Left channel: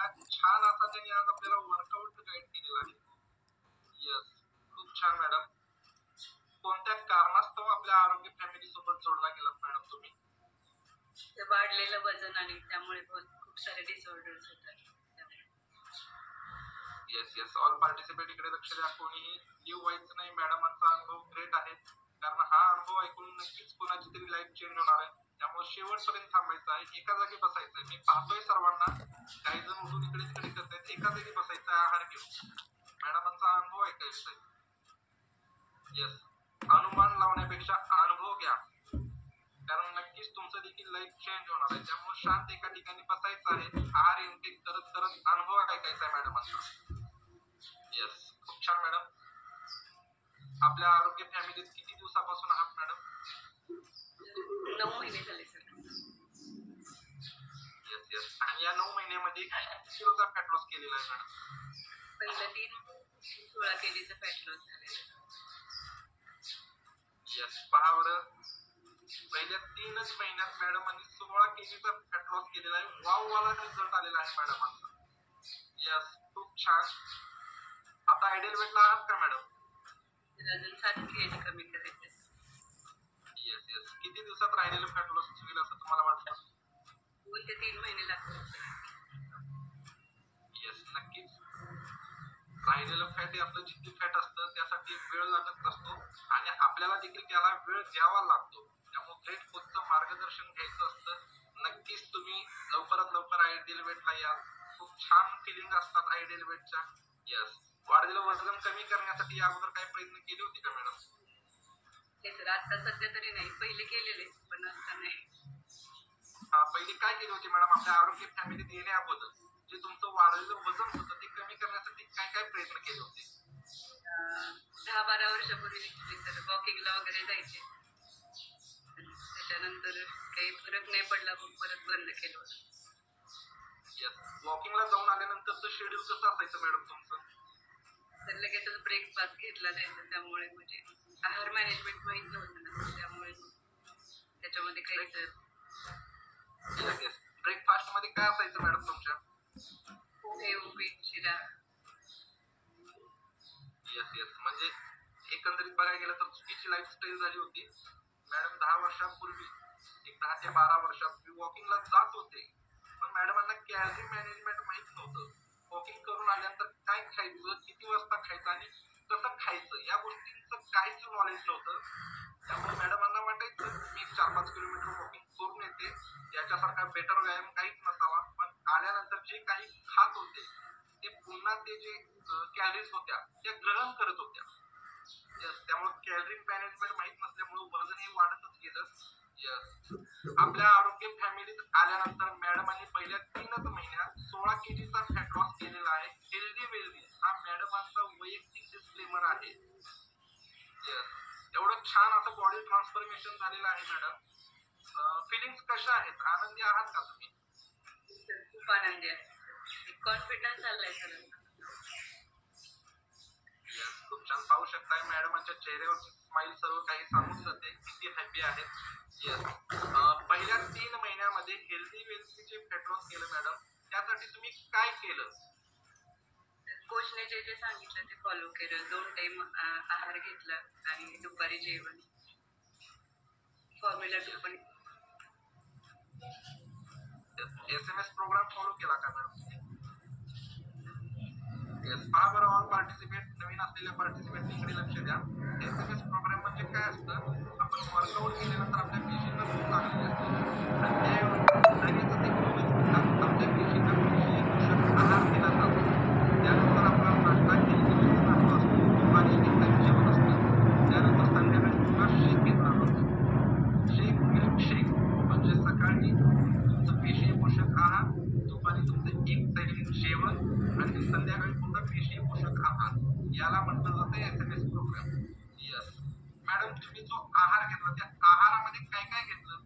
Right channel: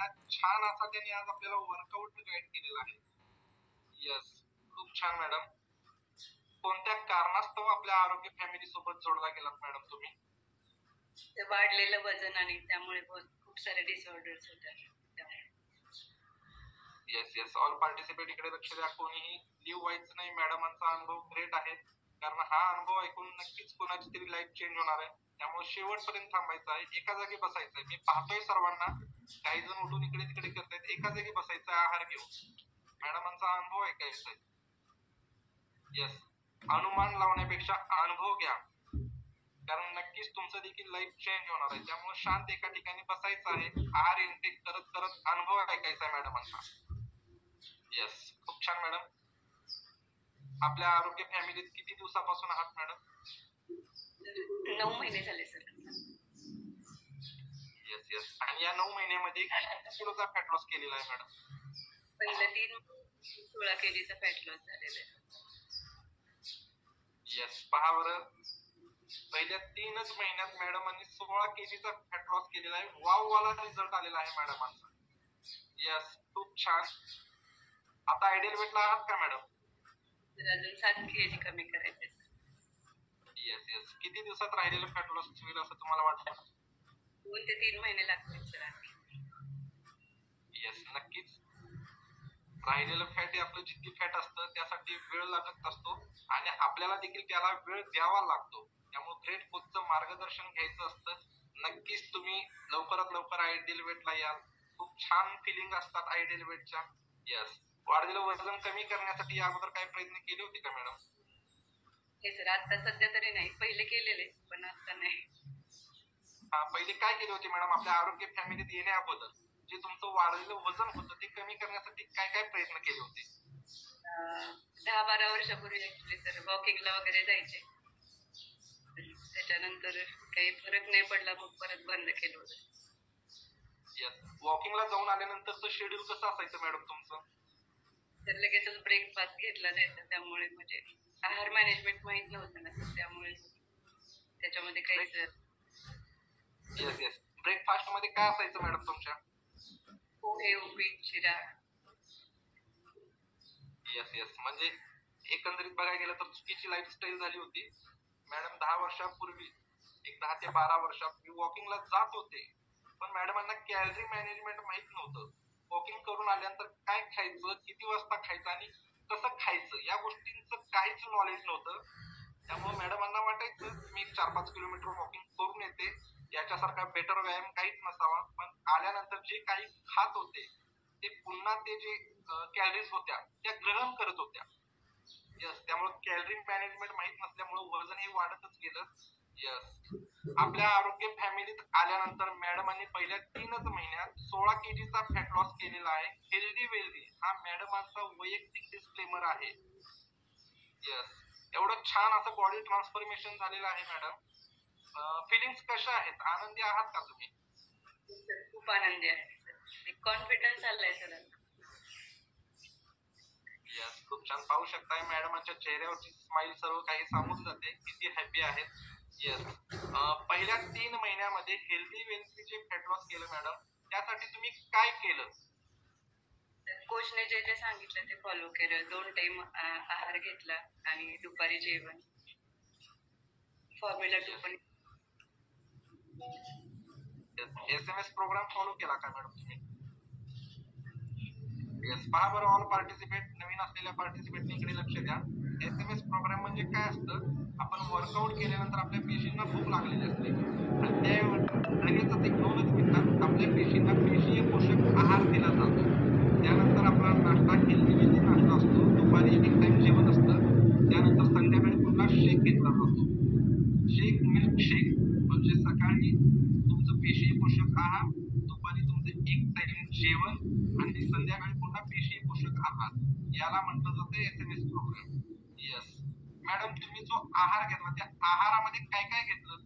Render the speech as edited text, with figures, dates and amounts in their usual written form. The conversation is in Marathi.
छान असा त्यांनी आज आपल्याला वर्कआउट गाईड केलेला आहे. यस, खूप छान मॅडम. कोणत्या कारणास्तव आपल्या आरोग्य फॅमिली सोबत जोडला गेलात मॅडम तुम्ही? वाढलेलं वजन आणि त्यामुळे खूप सारे डिसऑर्डर्स होतात. येस येस, ऑल पार्टिसिपेट इकडे लक्ष द्या. कोणीही लिव्ह व्हायचं नाही. मॅडमांचा अनुभव ग्रेट आहे, कारण हा अनुभव ऐकून नक्कीच कोणाची तरी लाईफ चेंज होणार आहे. त्यामुळे शेवटपर्यंत थांबायचं आहे, एका जागी बसायचंय. मी पाहतोय सर्वांना, काही जण उठून इकडे तिकडे करतायत. एका जागी बसायचं, आहार घेऊन मॅडमांचा अनुभव ऐकायचा आहे. येस, अनुमान लावण्यापेक्षा अनुभव घ्या, कारण नक्कीच तुमचं देखील लाईफ चेंज होणार आहे. त्यामुळे शांत एका ठिकाणी बसायचं आहे, आहार इनटेक करत करत अनुभव ऐकायचा आहे मॅडमांचा. येस, खूप छान मॅडम. आपल्या आरोग्य फॅमिलीत किती दिवसापासून आहात मॅडम? 9 महिने झाले सर. Yes yes. आणि या 9 महिन्यामध्ये किती किलोचा फॅट लॉस केलेला आहे मॅडम? पहिल्या 16 kgचा फॅट लॉस झालेला आहे. येस, पहा बरं, पहिल्या 3च महिन्यात मॅडमांनी 16 kgचा फॅट लॉस केलेला आहे. वाव वाला रिझल्ट आलेला आहे मॅडमांचा. येस, खूप छान. आता आयडियल वेटला आहात का मॅडम? अजून 7 kg कमी करायचे. Yes yes. किती दिवसात राहिलेलं फॅट लॉस होईल असं तुम्हाला वाटतं? 2 ते 3 महिने लागतील सर. येस, नक्कीच. राहिलेलं फॅट हे आपलं जितकी फॅट असतं त्यासाठी वेळ लागत असतो आणि आपल्याला देखील त्याला वेळ द्यावा लागतो. त्यामुळे ग्रेट कोचचं मार्गदर्शन घ्यायचं असतं. नक्कीच तुम्ही लवकरात लवकर आयडियल वेटला याल. खूप छान फिलिंग असतात आयडियल वेटच्या. येस, वाढलेलं वजन कमी करण्यासाठी अगोदर काही प्रयत्न केले होते का मॅडम? हे सर, आता सध्या तरी नाही. पहिले केलेले, पण आता नाही. हा, पहिले काय केले होते मॅडम? आपल्या आरोग्य फॅमिलीत येण्या अगोदर जे तुमचं वाढलेलं वजन होतं ते कमी करण्यासाठी काय काय प्रयत्न केले होते? 10-12 वर्षापूर्वी तर वॉकिंगला वगैरे जायचे. त्याच्यानंतर काही फरक नाही पडला, मग परत बंद केलं होतं. येस, वॉकिंगला जाऊन आल्यानंतरचं शेड्यूल कसं असायचं मॅडम तुमचं? तर लगेचच ब्रेकफास्ट घेतला जायचा, त्यामुळे म्हणजे आहार मॅनेजमेंट माहित नव्हतं ना, त्यामुळे त्याच्यामध्ये काहीच. Yes yes. ब्रेकफास्ट मध्ये काय असायचं मॅडम तुमच्या? पोहे, उपीट, शिरा. Yes yes. म्हणजे एकंदरीत बघायला गेलं तर चुकीची लाईफस्टाईल झाली होती मॅडम. 10 वर्षापूर्वी, एक 10 ते 12 वर्षापूर्वी वॉकिंगला जात होते, पण मॅडमांना कॅलरी मॅनेजमेंट माहित नव्हतं. वॉकिंग करून आल्यानंतर काय खायचं, किती वाजता खायचं आणि कसं खायचं या गोष्टींचं काहीच नॉलेज नव्हतं. त्यामुळे मॅडमांना वाटायचं मी 4-5 किलोमीटर वॉकिंग करून येते, याच्यासारखा बेटर व्यायाम काहीच नसावा. पण आल्यानंतर जे काही खात होते ते पुन्हा ते जे कॅलरीज होत्या त्या ग्रहण करत होत्या. यस, त्यामुळे कॅलरी मॅनेजमेंट माहित नसल्यामुळे वजन हे वाढतच गेलं. यस, आपल्या आरोग्य फॅमिलीत आल्यानंतर मॅडमांनी पहिल्या 3च महिन्यात 16 kgचा फॅट लॉस केलेला आहे. हेल्दी वेल्दी हा मॅडमांचा वैयक्तिक डिस्क्लेमर आहे. यस, एवढं छान असं बॉडी ट्रान्सफॉर्मेशन झालेलं आहे मॅडम. फिलिंग्स कशा आहेत? आनंदी आहात का तुम्ही? खूप आनंदी आहे. कॉन्फिडन्स आलाय सर. यस, खूप छान. पाहू शकताय मॅडमांच्या चेहऱ्यावरची स्माइल सर्व काही सांगून जाते किती हॅपी आहेत. येस, पहिल्या 3 महिन्यामध्ये हेल्दी वेल्थीचे फॅट लॉस केलं मॅडम, त्यासाठी तुम्ही काय केलं? कोचने जे जे सांगितलं ते फॉलो केलं. 2 टाइम आहार घेतला आणि दुपारी जेवण. फॉर्म्युला 2 पण. SMS प्रोग्राम फॉलो केला का मॅडम तुम्ही? येस, पहा बरं, ऑल पार्टिसिपेट, नवीन असलेल्या पार्टिसिपेट इकडे लक्ष द्या. SMS प्रोग्राम म्हणजे काय असतं? आपण वर्कआउट केल्यानंतर आपल्या पेशींना भूक लागली असते आणि त्याऐवजी लगेचच 1-2 मिनिटात आपल्या पेशींना पेशीय पोषक आहार दिला जातो. त्यानंतर आपला नाश्ता हेल्दी नाश्ता असतो, दुपारी एक टाइम जेवण असतं, त्यानंतर संध्याकाळी पुन्हा शेक घेतला जातो. शेक, मिल्क शेक. म्हणजे सकाळी तुमचं पेशीय पोषक आहार, दुपारी तुमचं एक टाइम जेवण आणि संध्याकाळी पुन्हा पेशीय पोषक आहार. याला म्हटलं जातं SMS प्रोग्राम. यस मॅडम, तुम्ही जो आहार घेतला त्या आहारामध्ये काय काय घेतलं?